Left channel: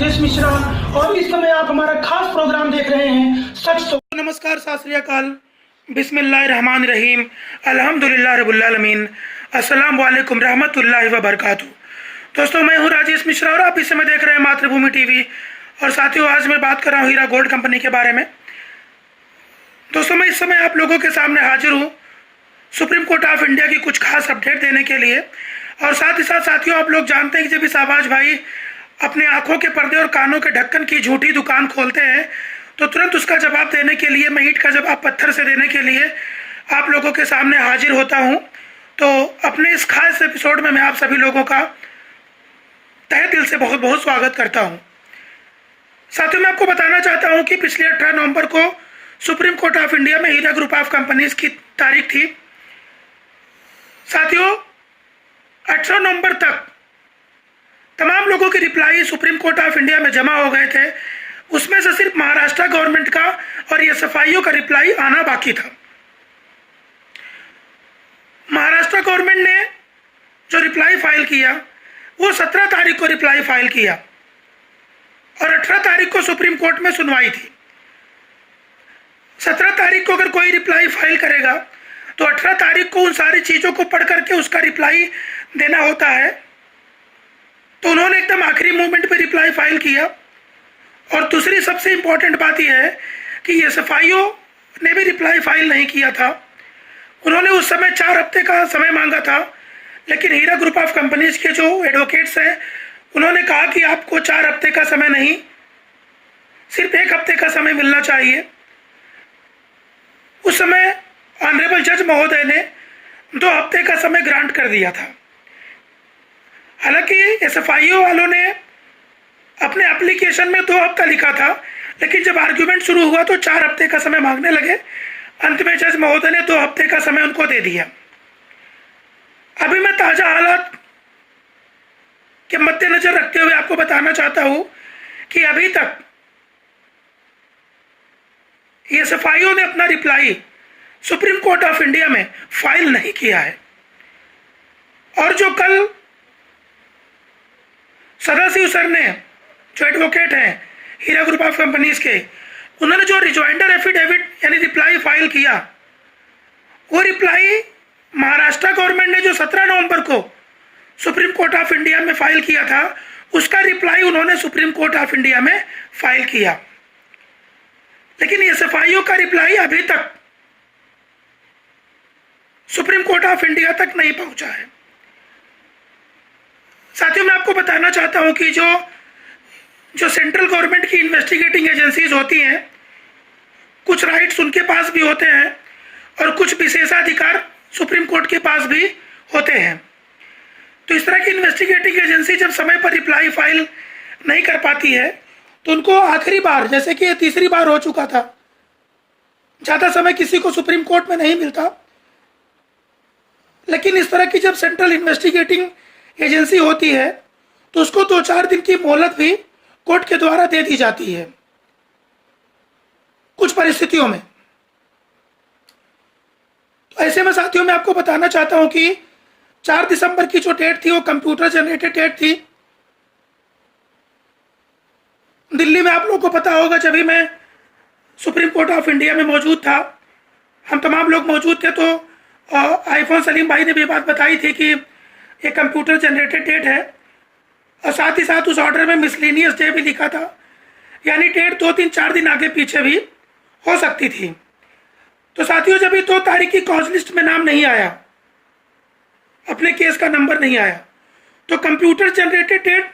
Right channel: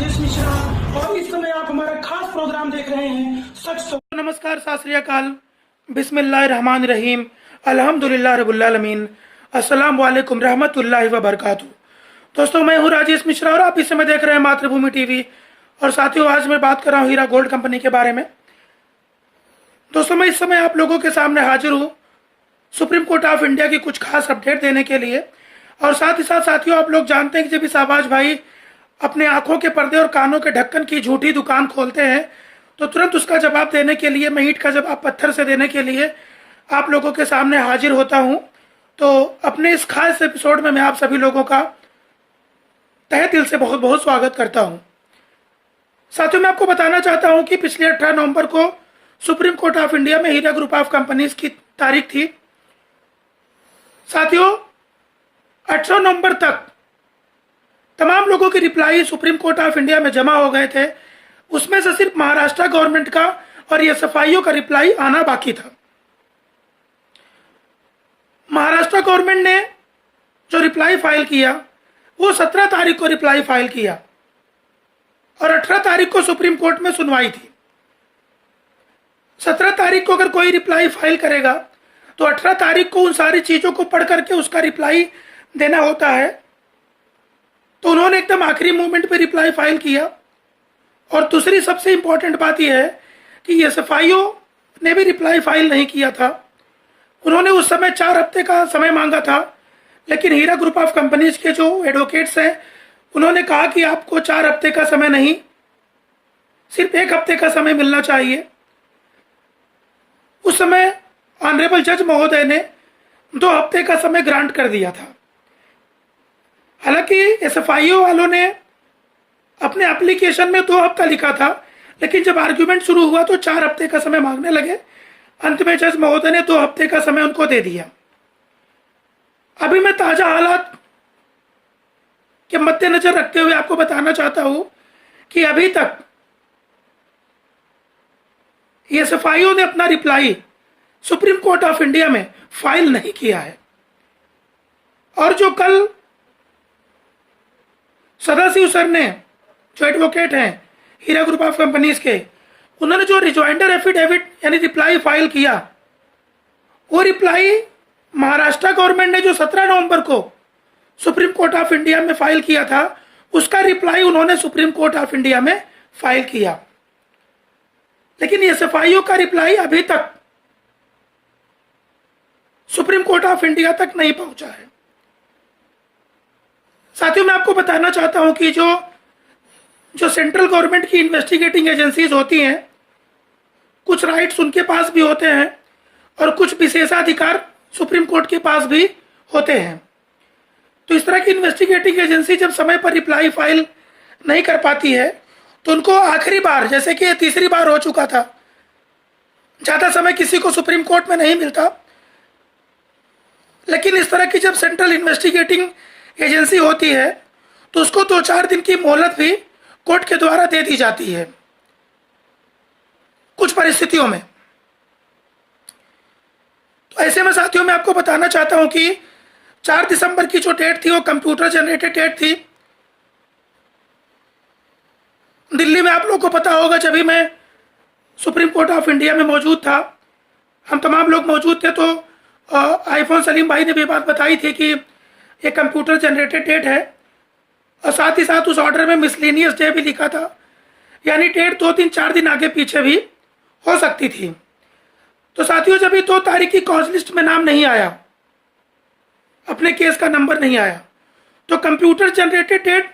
राजेश मिश्रा और इस समय आप हमारा खास प्रोग्राम देख रहे हैं सच तो। नमस्कार, सत श्री अकाल, बिस्मिल्लाहिर्रहमानिर्रहीम, अल्हम्दुलिल्लाह रब्बिल आलमीन, अस्सलाम वालेकुम रहमतुल्लाहि व बरकातुहू। दोस्तों, मैं हूं राजेश मिश्रा और आप इस समय देख रहे हैं मातृभूमि टीवी। और साथियों, आज मैं बात कर रहा हूं हीरा गोल्ड कंपनी के बारे में। दोस्तों, मैं इस समय आप लोगों के सामने हाजिर हूँ सुप्रीम कोर्ट ऑफ इंडिया की कुछ खास अपडेट देने के लिए। और साथ ही साथ साथियों, आप लोग जानते हैं कि जब भी शाहबाज भाई अपने आंखों के पर्दे और कानों के ढक्कन की झूठी दुकान खोलते हैं तो तुरंत उसका जवाब देने के लिए, मैं ईंट का जवाब पत्थर से देने के लिए आप लोगों के सामने हाजिर होता हूं। तो अपने इस खास एपिसोड में मैं आप सभी लोगों का तहे दिल से बहुत बहुत स्वागत करता हूं। साथियों, मैं आपको बताना चाहता हूं कि पिछले 18 नवंबर को सुप्रीम कोर्ट ऑफ इंडिया में हीरा ग्रुप ऑफ कंपनीज की तारीख थी। साथियों, 18 नवंबर तक तमाम लोगों की reply supreme court of India में जमा हो गए थे। उसमें से सिर्फ महाराष्ट्र गवर्नमेंट का और एसएफआईओ का रिप्लाई आना बाकी था। महाराष्ट्र गवर्नमेंट ने जो रिप्लाई फाइल किया वो 17 तारीख को रिप्लाई फाइल किया और 18 तारीख को सुप्रीम कोर्ट में सुनवाई थी। 17 तारीख को अगर कोई रिप्लाई फाइल करेगा तो 18 तारीख को उन सारी चीज़ों को पढ़ करके उसका रिप्लाई देना होता है। तो उन्होंने एकदम आखिरी मोमेंट पे रिप्लाई फाइल किया। और दूसरी सबसे इम्पोर्टेंट बात यह है कि एसएफआईओ ने भी रिप्लाई फाइल नहीं किया था। उन्होंने उस समय 4 हफ्ते का समय मांगा था, लेकिन हीरा ग्रुप ऑफ कंपनीज के जो एडवोकेट्स हैं उन्होंने कहा कि आपको 4 हफ्ते का समय नहीं, सिर्फ 1 हफ्ते का समय मिलना चाहिए। उस समय ऑनरेबल जज महोदय ने 2 हफ्ते का समय ग्रांट कर दिया था। हालांकि एसएफआईओ वालों ने अपने एप्लीकेशन में 2 हफ्ता लिखा था, लेकिन जब आर्ग्यूमेंट शुरू हुआ तो 4 हफ्ते का समय मांगने लगे। अंत में जज महोदय ने 2 हफ्ते का समय उनको दे दिया। अभी मैं ताजा हालात के मद्देनजर रखते हुए आपको बताना चाहता हूं कि अभी तक एसएफआईओ ने अपना reply supreme court of India में फाइल नहीं किया है। और जो कल सदाशिव सर ने, जो एडवोकेट हैं हीरा ग्रुप ऑफ कंपनीज के, उन्होंने जो रिजॉइंडर एफिडेविट यानी रिप्लाई फाइल किया, वो रिप्लाई महाराष्ट्र गवर्नमेंट ने जो 17 नवंबर को सुप्रीम कोर्ट ऑफ इंडिया में फाइल किया था, उसका रिप्लाई उन्होंने सुप्रीम कोर्ट ऑफ इंडिया में फाइल किया। लेकिन एसएफआईओ का रिप्लाई अभी तक सुप्रीम कोर्ट ऑफ इंडिया तक नहीं पहुंचा है। साथियों, मैं आपको बताना चाहता हूं कि जो सेंट्रल गवर्नमेंट की इन्वेस्टिगेटिंग एजेंसीज होती हैं, कुछ राइट्स उनके पास भी होते हैं और कुछ विशेषाधिकार सुप्रीम कोर्ट के पास भी होते हैं। तो इस तरह की इन्वेस्टिगेटिंग एजेंसी जब समय पर रिप्लाई फाइल नहीं कर पाती है तो उनको आखिरी बार, जैसे कि 3री बार हो चुका था, ज़्यादा समय किसी को सुप्रीम कोर्ट में नहीं मिलता, लेकिन इस तरह की जब सेंट्रल इन्वेस्टिगेटिंग एजेंसी होती है तो उसको 2-4 दिन की मोहलत भी कोर्ट के द्वारा दे दी जाती है कुछ परिस्थितियों में। तो ऐसे में साथियों, मैं आपको बताना चाहता हूं कि 4 दिसंबर की जो डेट थी वो कंप्यूटर जनरेटेड डेट थी। दिल्ली में आप लोगों को पता होगा, जब भी मैं सुप्रीम कोर्ट ऑफ इंडिया में मौजूद था, हम तमाम लोग मौजूद थे, तो आईफोन सलीम भाई ने भी बात बताई थी कि ये कंप्यूटर जनरेटेड डेट है। और साथ ही साथ उस ऑर्डर में मिसलेनियस डे भी लिखा था, यानी डेट 2-3-4 दिन आगे पीछे भी हो सकती थी। तो साथियों, जब ये 2 तारीख की कॉज लिस्ट में नाम नहीं आया, अपने केस का नंबर नहीं आया, तो कंप्यूटर जनरेटेड डेट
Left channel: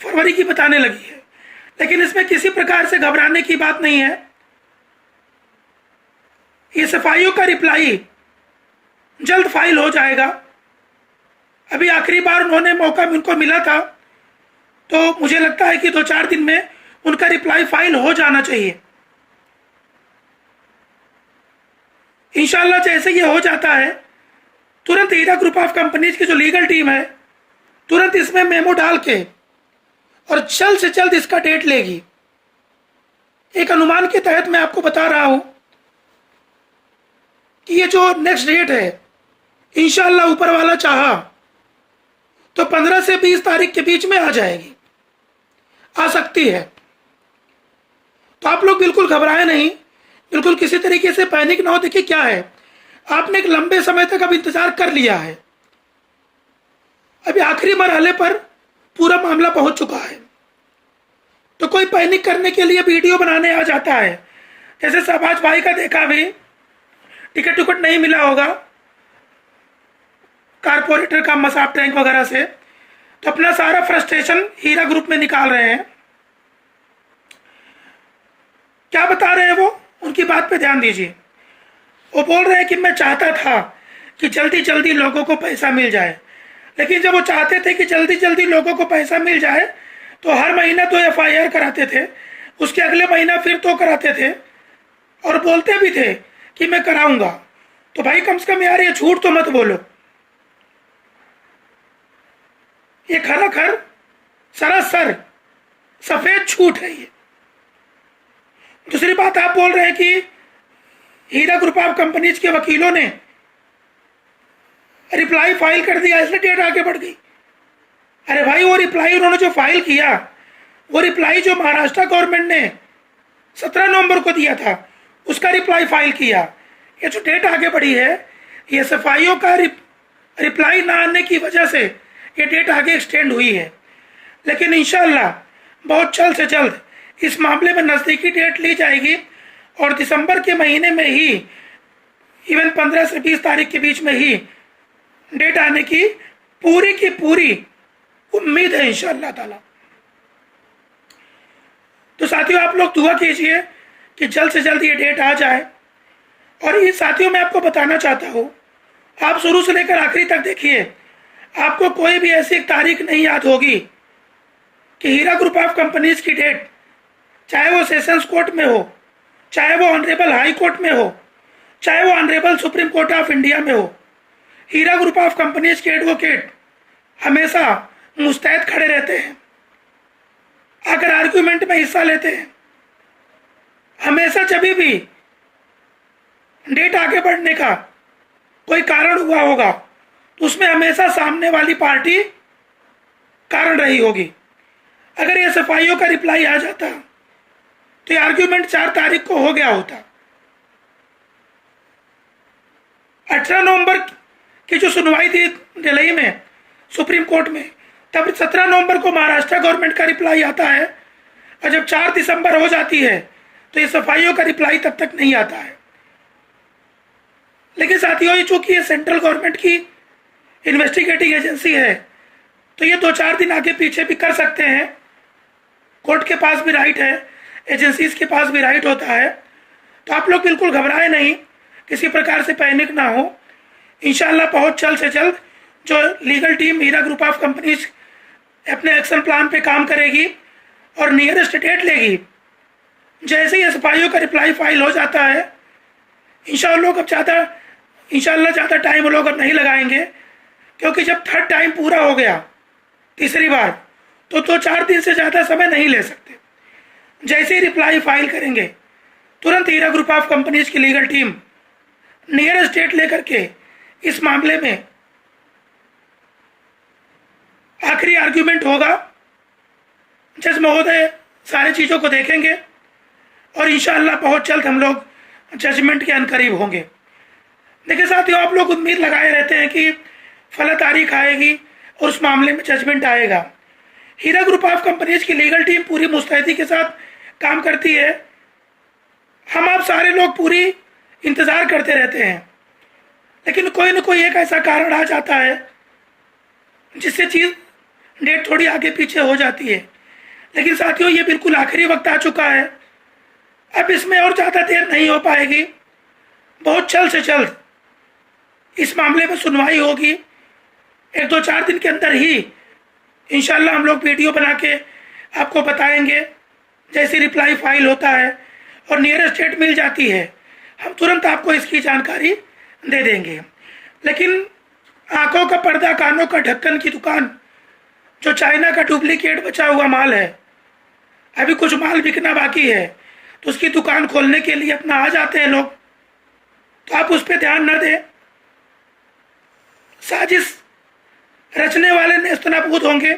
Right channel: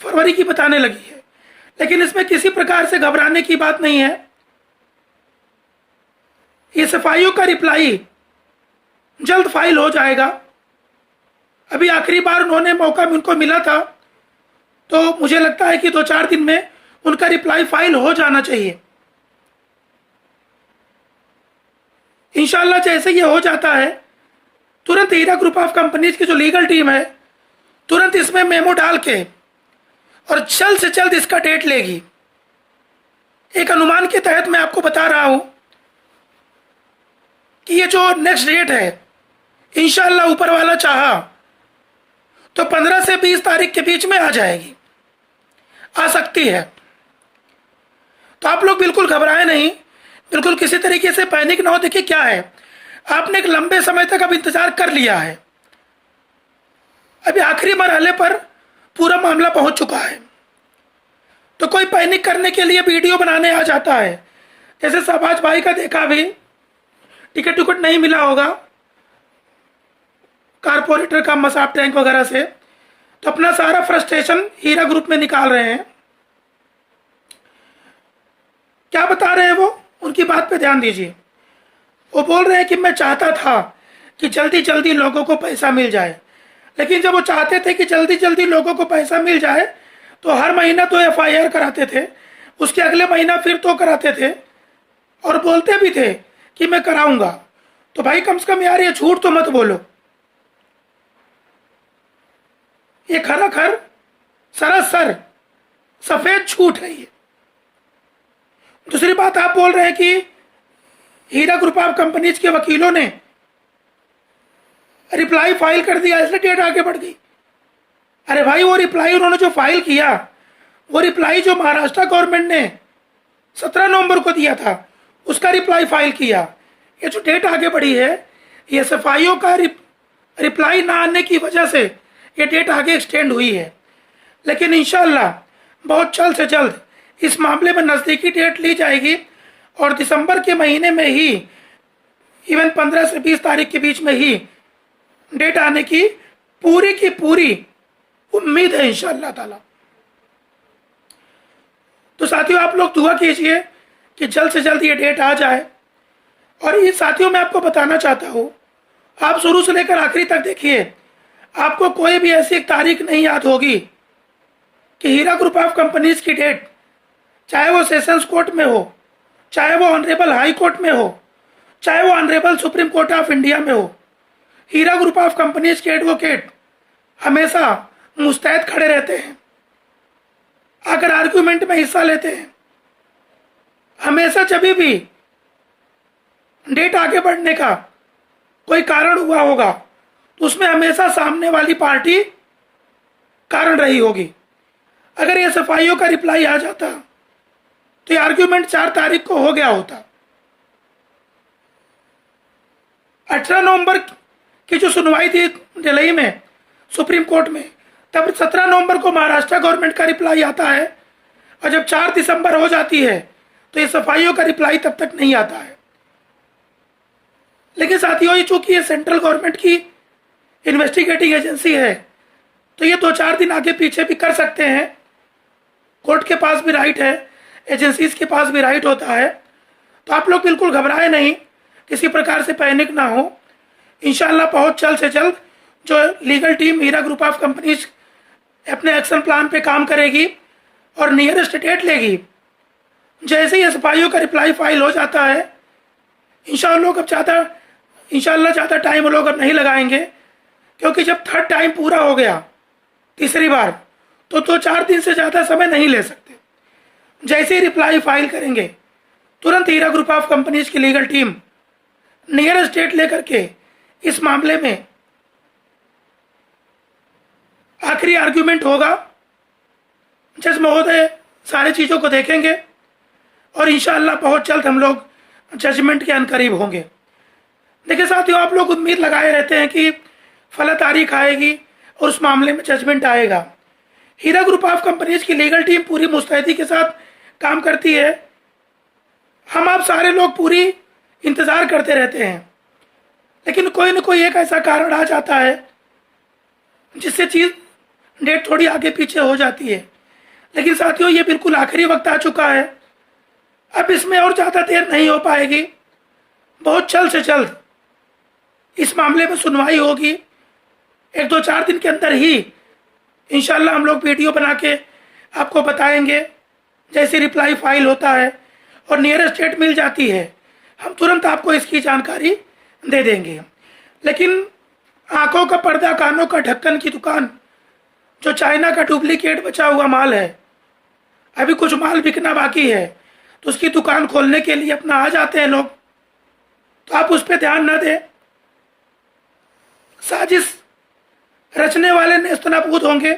फरवरी की बताने लगी है। लेकिन इसमें किसी प्रकार से घबराने की बात नहीं है। एसएफआईओ का रिप्लाई जल्द फाइल हो जाएगा। अभी आखिरी बार उन्होंने मौका उनको मिला था, तो मुझे लगता है कि 2-4 दिन में उनका रिप्लाई फाइल हो जाना चाहिए। इंशाल्लाह जैसे ये हो जाता है, तुरंत हीरा ग्रुप ऑफ कंपनीज की जो लीगल टीम है तुरंत इसमें मेमो डाल के और जल्द से जल्द इसका डेट लेगी। एक अनुमान के तहत मैं आपको बता रहा हूं कि ये जो नेक्स्ट डेट है, इंशाल्लाह ऊपर वाला चाहा तो 15 से 20 तारीख के बीच में आ जाएगी। आ सकती है। तो आप लोग बिल्कुल घबराए नहीं, बिल्कुल किसी तरीके से पैनिक ना हो। देखिए क्या है, आपने एक लंबे समय तक अब इंतजार कर लिया है, अभी आखिरी मरहले पर पूरा मामला पहुंच चुका है, तो कोई पैनिक करने के लिए वीडियो बनाने आ जाता है। जैसे शहबाज भाई का देखा भी, टिकट टुकट नहीं मिला होगा कारपोरेटर का मसाब टैंक वगैरह से, तो अपना सारा फ्रस्ट्रेशन हीरा ग्रुप में निकाल रहे हैं। क्या बता रहे हैं वो, उनकी बात पे ध्यान दीजिए। वो बोल रहे हैं कि मैं चाहता था कि जल्दी जल्दी लोगों को पैसा मिल जाए, लेकिन जब वो चाहते थे कि जल्दी जल्दी लोगों को पैसा मिल जाए तो हर महीना तो FIR कराते थे, उसके अगले महीना फिर तो कराते थे, और बोलते भी थे कि मैं कराऊंगा। तो भाई कम से कम यार ये झूठ तो मत बोलो, ये खर सरासर सफेद झूठ है ये। दूसरी बात, आप बोल रहे हैं कि हीरा ग्रुप ऑफ कंपनीज के वकीलों ने रिप्लाई फाइल कर दिया इसलिए डेट आगे बढ़ गई। अरे भाई वो रिप्लाई उन्होंने जो फाइल किया, वो रिप्लाई जो महाराष्ट्र गवर्नमेंट ने 17 नवंबर को दिया था, उसका रिप्लाई फाइल किया। ये जो डेट आगे बढ़ी है, ये SFIO का रिप्लाई ना आने की वजह से ये डेट आगे एक्सटेंड हुई है। लेकिन इंशाल्लाह बहुत जल्द से जल्द इस मामले में नज़दीकी डेट ली जाएगी, और दिसंबर के महीने में ही, इवन 15 से 20 तारीख के बीच में ही डेट आने की पूरी उम्मीद है इंशाअल्लाह ताला। तो साथियों आप लोग दुआ कीजिए कि जल्द से जल्द ये डेट आ जाए। और ये साथियों मैं आपको बताना चाहता हूँ, आप शुरू से लेकर आखिरी तक देखिए, आपको कोई भी ऐसी तारीख नहीं याद होगी कि हीरा ग्रुप ऑफ कंपनीज की डेट, चाहे वो सेशंस कोर्ट में हो, चाहे वो ऑनरेबल हाई कोर्ट में हो, चाहे वो honourable supreme court of India में हो, हीरा ग्रुप ऑफ कंपनीज के एडवोकेट हमेशा मुस्तैद खड़े रहते हैं, अगर आर्गुमेंट में हिस्सा लेते हैं। हमेशा जब भी डेट आगे बढ़ने का कोई कारण हुआ होगा तो उसमें हमेशा सामने वाली पार्टी कारण रही होगी। अगर ये SFIO का रिप्लाई आ जाता तो ये आर्ग्यूमेंट 4 तारीख को हो गया होता। 18 नवंबर की जो सुनवाई थी दिल्ली में सुप्रीम कोर्ट में, तब 17 नवंबर को महाराष्ट्र गवर्नमेंट का रिप्लाई आता है, और जब 4 दिसंबर हो जाती है तो ये SFIO का रिप्लाई तब तक नहीं आता है। लेकिन साथियों ये चूंकि ये सेंट्रल गवर्नमेंट की इन्वेस्टिगेटिंग एजेंसी है, तो ये 2-4 दिन आगे पीछे भी कर सकते हैं। कोर्ट के पास भी राइट है, एजेंसीज के पास भी राइट होता है। तो आप लोग बिल्कुल घबराए नहीं, किसी प्रकार से पैनिक ना हो। इंशाल्लाह बहुत जल्द से जल्द जो legal team Heera group of companies अपने एक्शन प्लान पे काम करेगी और नियरेस्ट डेट लेगी। जैसे ही SFIO का रिप्लाई फाइल हो जाता है, इंशाल्लाह ज़्यादा टाइम लोग अब नहीं लगाएंगे, क्योंकि जब 3rd टाइम पूरा हो गया, तीसरी बार, तो 2-4 दिन से ज़्यादा समय नहीं ले सकते। जैसे ही रिप्लाई फाइल करेंगे, तुरंत हीरा ग्रुप ऑफ कंपनीज की लीगल टीम नियरेस्ट डेट लेकर के इस मामले में आखिरी आर्ग्यूमेंट होगा। जज महोदय सारी चीज़ों को देखेंगे और इंशाअल्लाह बहुत जल्द हम लोग जजमेंट के अनकरीब होंगे। देखिए साथियों, आप लोग उम्मीद लगाए रहते हैं कि फला तारीख आएगी और उस मामले में जजमेंट आएगा। हीरा ग्रुप ऑफ कंपनीज की लीगल टीम पूरी मुस्तैदी के साथ काम करती है। हम आप सारे लोग पूरी इंतज़ार करते रहते हैं, लेकिन कोई न कोई एक ऐसा कारण आ जाता है जिससे चीज़ डेट थोड़ी आगे पीछे हो जाती है। लेकिन साथियों ये बिल्कुल आखिरी वक्त आ चुका है, अब इसमें और ज़्यादा देर नहीं हो पाएगी। बहुत जल्द से जल्द इस मामले में सुनवाई होगी। 1-2-4 दिन के अंदर ही इंशाल्लाह हम लोग वीडियो बना के आपको बताएंगे। जैसे रिप्लाई फाइल होता है और नियरेस्ट डेट मिल जाती है, हम तुरंत आपको इसकी जानकारी दे देंगे। लेकिन आंखों का पर्दा कानों का ढक्कन की दुकान, जो चाइना का डुप्लीकेट बचा हुआ माल है, अभी कुछ माल बिकना बाकी है, तो उसकी दुकान खोलने के लिए अपना आ जाते हैं लोग। तो आप उस पर ध्यान न दें। साजिश रचने वाले नेस्तनाबूद होंगे,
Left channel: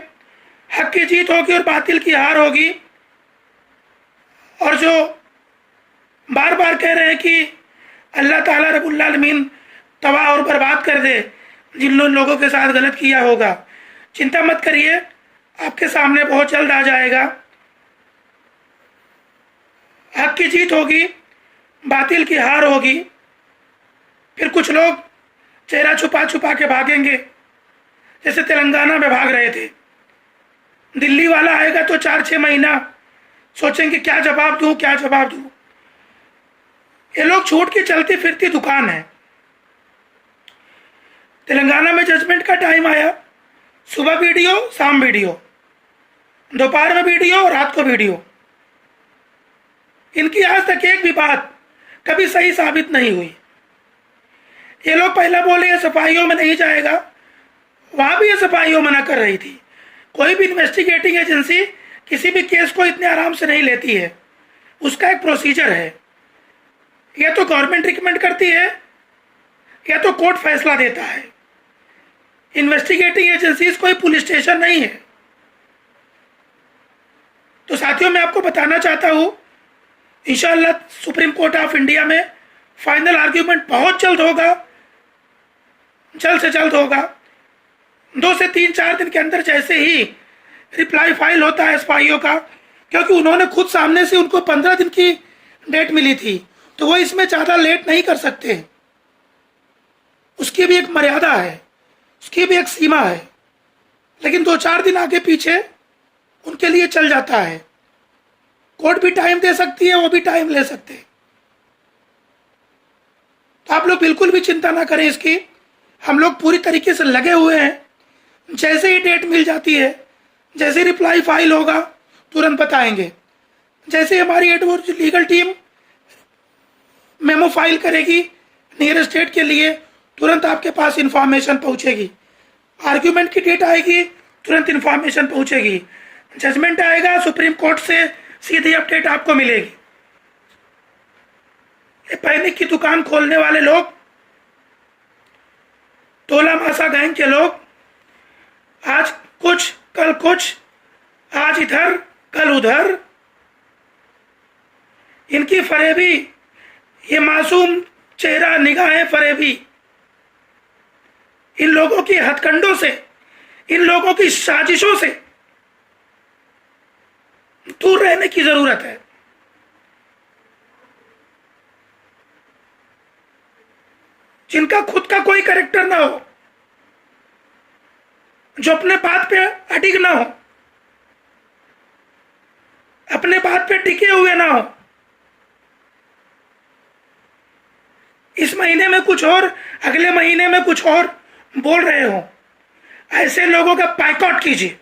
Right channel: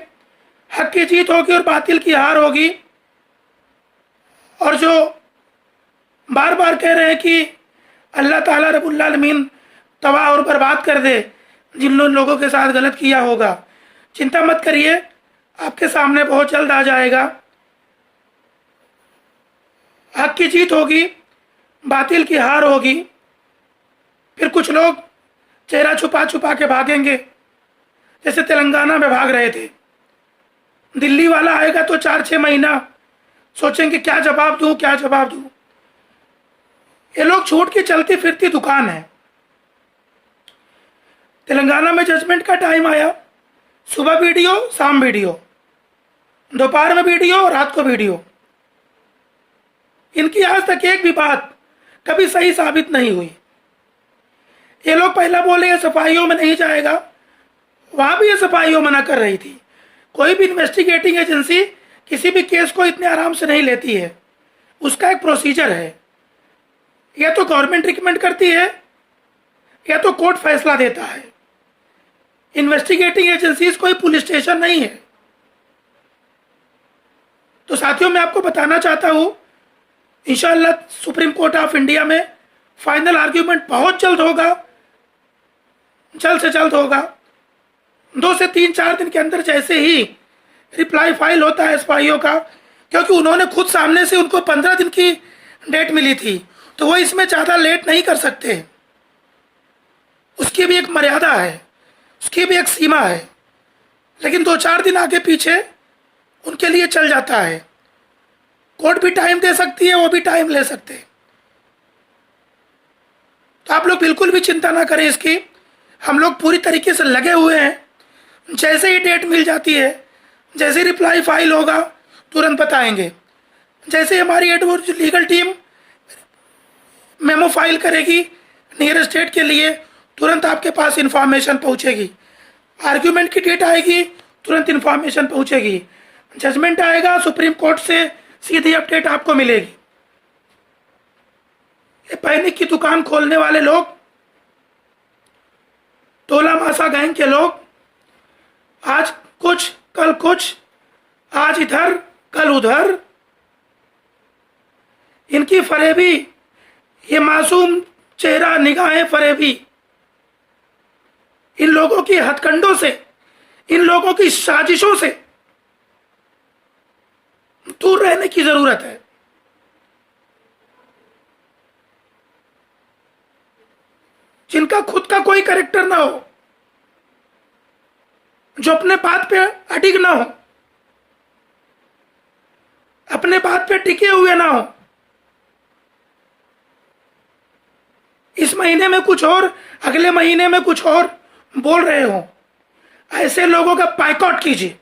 हक की जीत होगी और बातिल की हार होगी। और जो बार बार कह रहे हैं कि अल्लाह ताला रब्बुल आलमीन तबाह और बर्बाद कर दे जिन लोगों के साथ गलत किया होगा, चिंता मत करिए, आपके सामने बहुत जल्द आ जाएगा। हक की जीत होगी, बातिल की हार होगी। फिर कुछ लोग चेहरा छुपा छुपा के भागेंगे, जैसे तेलंगाना में भाग रहे थे। दिल्ली वाला आएगा तो 4-6 महीना सोचेंगे क्या जवाब दूं, क्या जवाब दूं। ये लोग झूठ की चलती फिरती दुकान है। तेलंगाना में जजमेंट का टाइम आया, सुबह वीडियो, शाम वीडियो, दोपहर में वीडियो, रात को वीडियो। इनकी आज तक एक भी बात कभी सही साबित नहीं हुई। ये लोग पहला बोले एसएफआईओ में नहीं जाएगा, वहां भी एसएफआईओ मना कर रही थी। कोई भी इन्वेस्टिगेटिंग एजेंसी किसी भी केस को इतने आराम से नहीं लेती है, उसका एक प्रोसीजर है। या तो गवर्नमेंट रिकमेंड करती है या तो कोर्ट फैसला देता है। इन्वेस्टिगेटिंग एजेंसीज कोई पुलिस स्टेशन नहीं है। तो साथियों, मैं आपको बताना चाहता हूं, इंशाअल्लाह सुप्रीम कोर्ट ऑफ इंडिया में फाइनल आर्ग्यूमेंट बहुत जल्द होगा, जल्द से जल्द होगा। 2 से 3-4 दिन के अंदर जैसे ही रिप्लाई फाइल होता है एसएफआईओ का, क्योंकि उन्होंने खुद सामने से उनको 15 दिन की डेट मिली थी, तो वो इसमें ज्यादा लेट नहीं कर सकते। उसकी भी एक मर्यादा है, उसकी भी एक सीमा है। लेकिन 2-4 दिन आगे पीछे उनके लिए चल जाता है। कोर्ट भी टाइम दे सकती है, वो भी टाइम ले सकते हैं। तो आप लोग बिल्कुल भी चिंता ना करें इसकी। हम लोग पूरी तरीके से लगे हुए हैं। जैसे ही डेट मिल जाती है, जैसे रिप्लाई फाइल होगा, तुरंत बताएंगे। जैसे हमारी advocate legal team memo file करेगी नियर स्टेट के लिए, तुरंत आपके पास इंफॉर्मेशन पहुंचेगी। आर्ग्यूमेंट की डेट आएगी, तुरंत इंफॉर्मेशन पहुंचेगी। जजमेंट आएगा, सुप्रीम कोर्ट से सीधी अपडेट आपको मिलेगी। ये पैनिक की दुकान खोलने वाले लोग, टोला मासा गैंग के लोग, आज कुछ कल कुछ, आज इधर कल उधर, इनकी फरेबी, ये मासूम चेहरा निगाहें फरेबी, इन लोगों की हथकंडों से, इन लोगों की साजिशों से दूर रहने की जरूरत है। जिनका खुद का कोई कैरेक्टर ना हो, जो अपने बात पे अडिग ना हो, अपने बात पे टिके हुए ना हो, इस महीने में कुछ और, अगले महीने में कुछ और बोल रहे हो, ऐसे लोगों का बायकॉट कीजिए।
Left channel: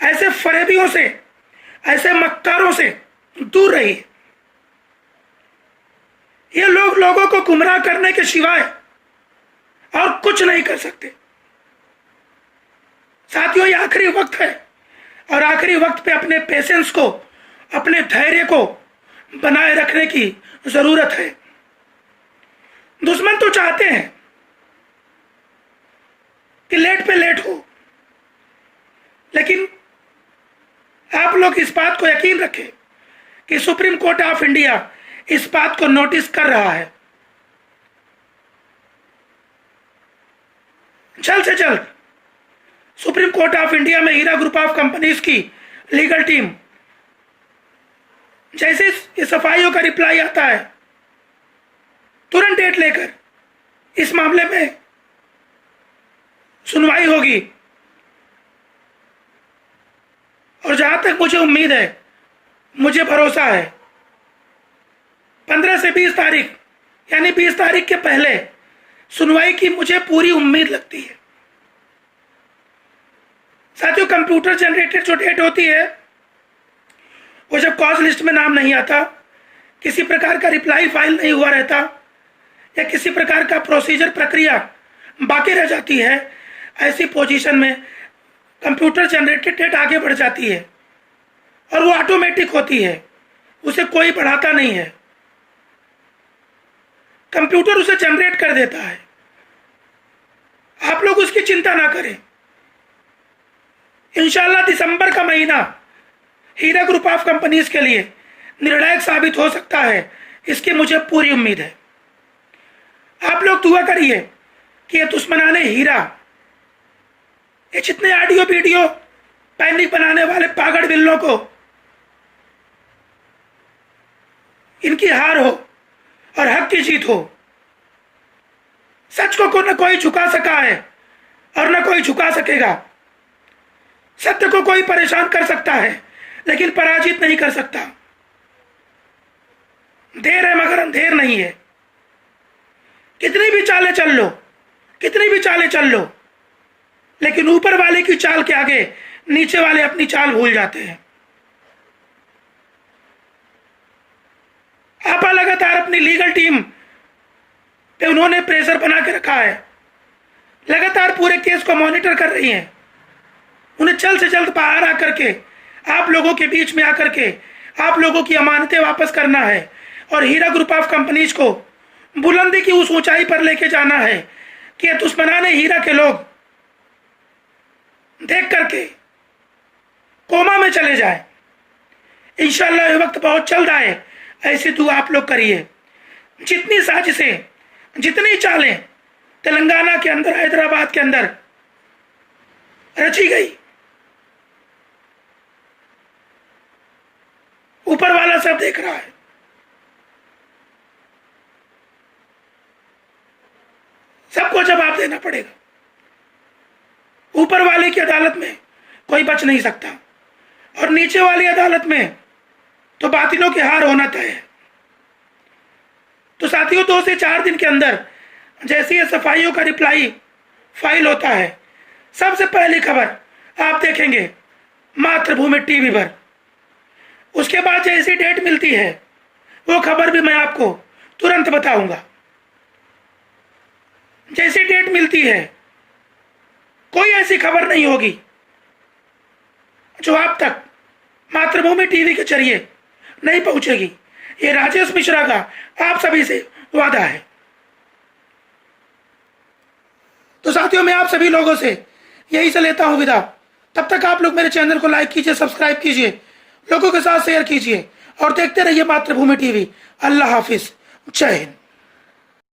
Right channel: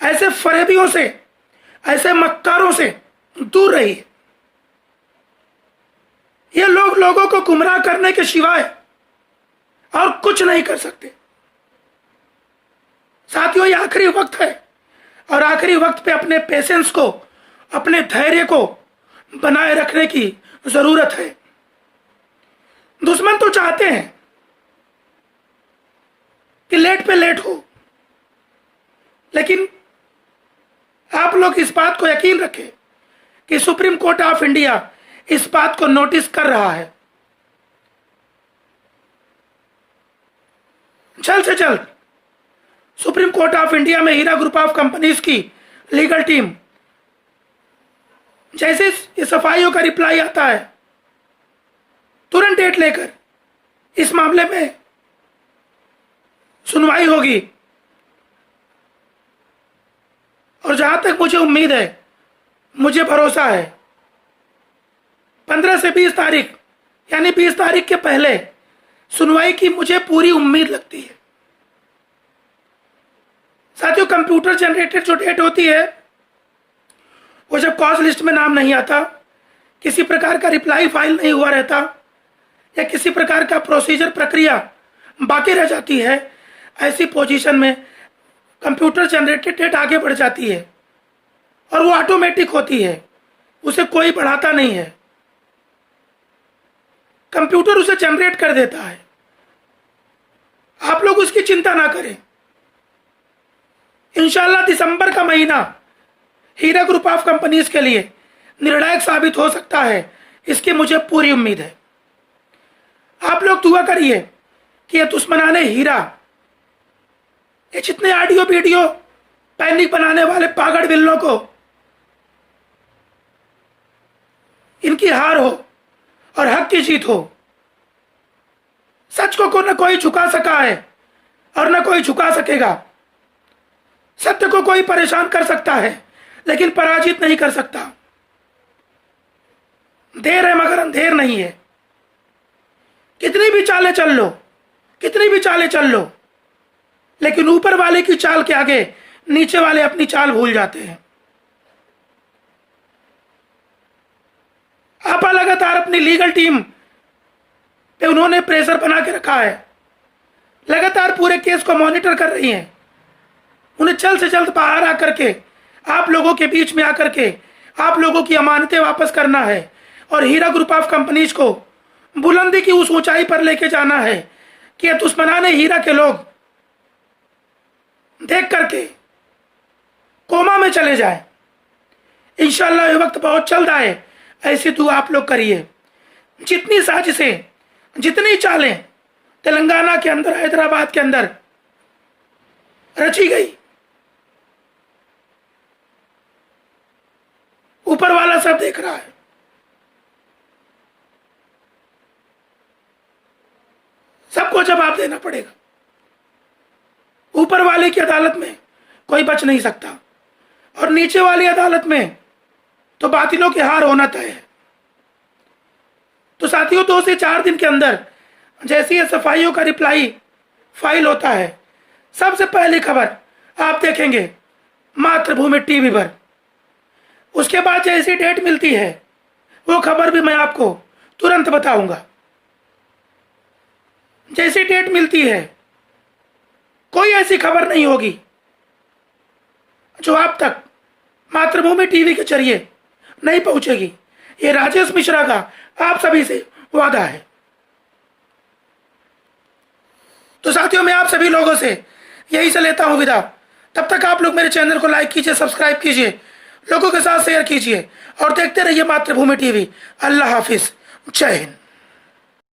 ऐसे फरेबियों से, ऐसे मक्कारों से दूर रहिए। ये लोग लोगों को गुमराह करने के सिवाय और कुछ नहीं कर सकते। साथियों, ये आखिरी वक्त है और आखिरी वक्त पे अपने पेशेंस को, अपने धैर्य को बनाए रखने की जरूरत है। दुश्मन तो चाहते हैं कि लेट पे लेट हो, लेकिन आप लोग इस बात को यकीन रखें कि सुप्रीम कोर्ट ऑफ इंडिया इस बात को नोटिस कर रहा है। जल्द से जल्द सुप्रीम कोर्ट ऑफ इंडिया में हीरा ग्रुप ऑफ कंपनीज की लीगल टीम, जैसे इस एफआईओ का रिप्लाई आता है, तुरंत डेट लेकर इस मामले में सुनवाई होगी। और जहां तक मुझे उम्मीद है, मुझे भरोसा है, 15 से 20 तारीख यानी 20 तारीख के पहले सुनवाई की मुझे पूरी उम्मीद लगती है। साथियों, कंप्यूटर जनरेटेड जो डेट होती है, वो जब कॉज लिस्ट में नाम नहीं आता, किसी प्रकार का रिप्लाई फाइल नहीं हुआ रहता, या किसी प्रकार का प्रोसीजर प्रक्रिया बाकी रह जाती है, ऐसी पोजीशन में कंप्यूटर जनरेटेड डेट आगे बढ़ जाती है और वो ऑटोमेटिक होती है, उसे कोई बढ़ाता नहीं है, कंप्यूटर उसे जनरेट कर देता है। आप लोग उसकी चिंता ना करें। इंशाल्लाह दिसंबर का महीना हीरा ग्रुप ऑफ कंपनीज के लिए निर्णायक साबित हो सकता है, इसकी मुझे पूरी उम्मीद है। आप लोग दुआ करिए कि ये दुश्मनाने हीरा, ये जितने ऑडियो वीडियो पैनिक बनाने वाले पागड़ बिल्लों को, इनकी हार हो और हक की जीत हो। सच को न कोई झुका सका है और न कोई झुका सकेगा। सत्य को कोई परेशान कर सकता है लेकिन पराजित नहीं कर सकता। देर है मगर अंधेर नहीं है। कितनी भी चालें चल लो, कितनी भी चालें चल लो, लेकिन ऊपर वाले की चाल के आगे नीचे वाले अपनी चाल भूल जाते हैं। आपा लगातार अपनी लीगल टीम पे उन्होंने प्रेशर बना के रखा है, लगातार पूरे केस को मॉनिटर कर रही हैं। उन्हें जल्द से जल्द बाहर आकर के आप लोगों के बीच में आकर के आप लोगों की अमानतें वापस करना है और हीरा ग्रुप ऑफ कंपनीज को बुलंदी की उस ऊंचाई पर लेके जाना है कि दुश्मनाने हीरा के लोग देख करके कोमा में चले जाए। इंशाल्लाह ये वक्त बहुत जल्द आए, ऐसी दुआ आप लोग करिए। जितनी साजिशें, जितनी चालें तेलंगाना के अंदर, हैदराबाद के अंदर रची गई, ऊपर वाला सब देख रहा है। सबको जवाब देना पड़ेगा। ऊपर वाले की अदालत में कोई बच नहीं सकता और नीचे वाली अदालत में तो बातिलों की हार होना तय है। तो साथियों, 2 से 4 दिन के अंदर जैसे ही सफाइयों का रिप्लाई फाइल होता है, सबसे पहली खबर आप देखेंगे मातृभूमि टीवी पर। उसके बाद जैसी डेट मिलती है वो खबर भी मैं आपको तुरंत बताऊंगा। जैसी डेट मिलती है कोई ऐसी खबर नहीं होगी जो आप तक मातृभूमि टीवी के जरिए नहीं पहुंचेगी। ये राजेश मिश्रा का आप सभी से वादा है। तो साथियों, मैं आप सभी लोगों से यही से लेता हूं विदा। तब तक आप लोग मेरे चैनल को लाइक कीजिए, सब्सक्राइब कीजिए, लोगों के साथ शेयर कीजिए और देखते रहिए मातृभूमि टीवी। अल्लाह हाफिज, जय हिंद।